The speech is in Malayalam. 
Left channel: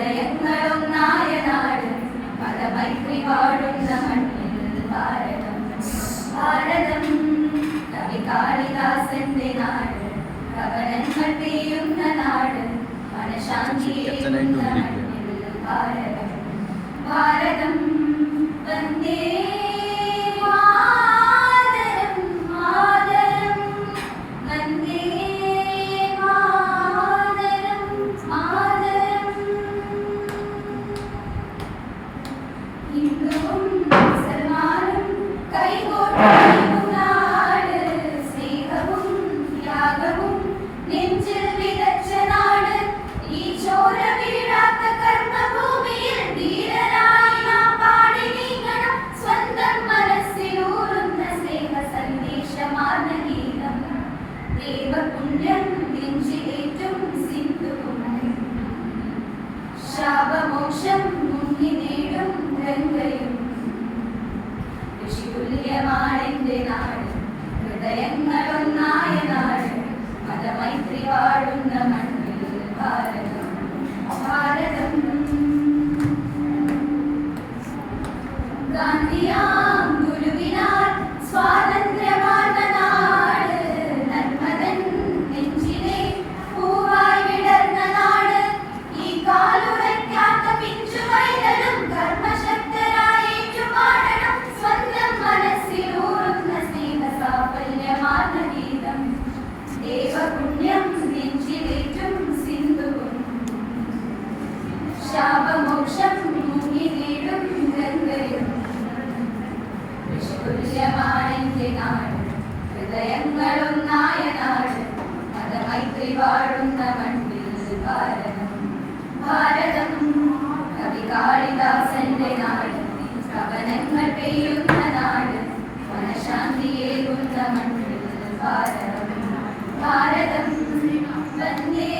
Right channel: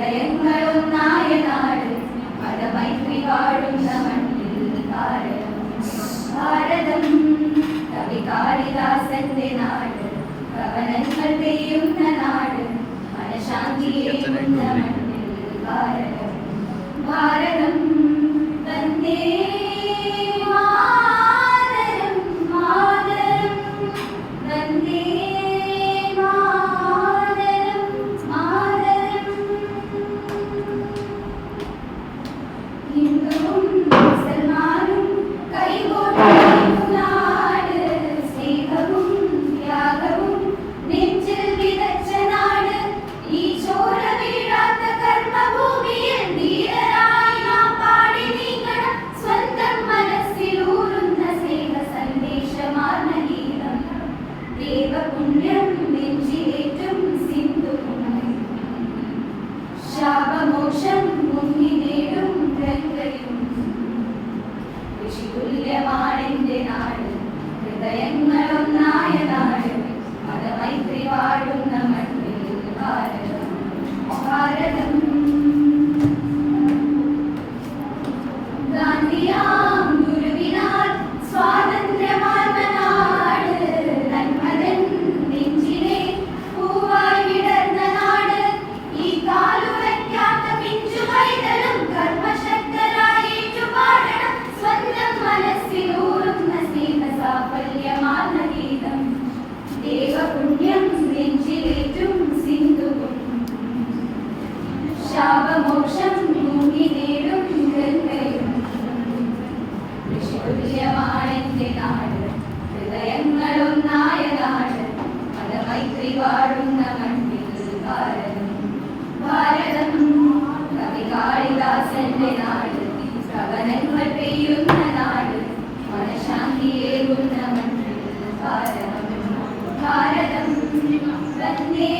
ഹൃദയങ്ങളൊന്നായ നാട് മതമൈത്രി വാഴുന്ന മണ്ണിൽ ഭാരതം കവി കാളിദാസന്റെ നാട് കവനങ്ങൾ പെയ്യുന്ന നാട് മനഃശാന്തിയേകുന്ന മണ്ണിൽ ഭാരതം വന്ദേ മാതരം മാതരം വന്ദേ മാതരം മാതരം ഹിന്ദുവും മുസൽമാനും കൈകോർക്കുന്ന നാട് സ്നേഹവും ത്യാഗവും നെഞ്ചിൽ വിതച്ച നാട് ഈ ചോര വീഴാത്ത കർമ്മഭൂമിയിൽ ധീരരായി നാം പാടി നീങ്ങണം സ്വന്തം മനസ്സിലൂറുന്ന സ്നേഹ സന്ദേശമാർന്ന ഗീതം ദേവപുണ്യം നെഞ്ചിലേറ്റും സിന്ധുപുണ്യം ശാപമോക്ഷം മുങ്ങി നേടും ഗംഗയും ഋഷിതുല്യമാണെന്റെ നാട് ഹൃദയങ്ങളൊന്നായ നാട് മതമൈത്രി വാഴുന്ന മണ്ണിൽ ഭാരതം ഗാന്ധിയാം ഗുരുവിനാൽ സ്വാതന്ത്ര്യമാർന്ന നാട് നന്മതൻ നെഞ്ചിലെ പൂവായി വിടർന്ന നാട് ഈ കാലുറയ്ക്കാത്ത പിഞ്ചു പൈതലും കർമ്മശക്തരായി ഏറ്റുപാടണം സ്വന്തം മനസ്സിലൂറുന്ന സ്നേഹ സാഫല്യമാർന്ന ഗീതം ദേവപുണ്യം നെഞ്ചിലേറ്റും സിന്ധുവും ശാപമോക്ഷം മുങ്ങി നേടും ഗംഗയും ഋഷിതുല്യമാണെന്റെ നാട് ഹൃദയങ്ങളൊന്നായ നാട് മതമൈത്രി വാഴുന്ന മണ്ണിൽ ഭാരതം കവി കാളിദാസന്റെ നാട് കവനങ്ങൾ പെയ്യുന്ന നാട് മനഃശാന്തിയേകുന്ന മണ്ണിൽ ഭാരതം വന്ദേ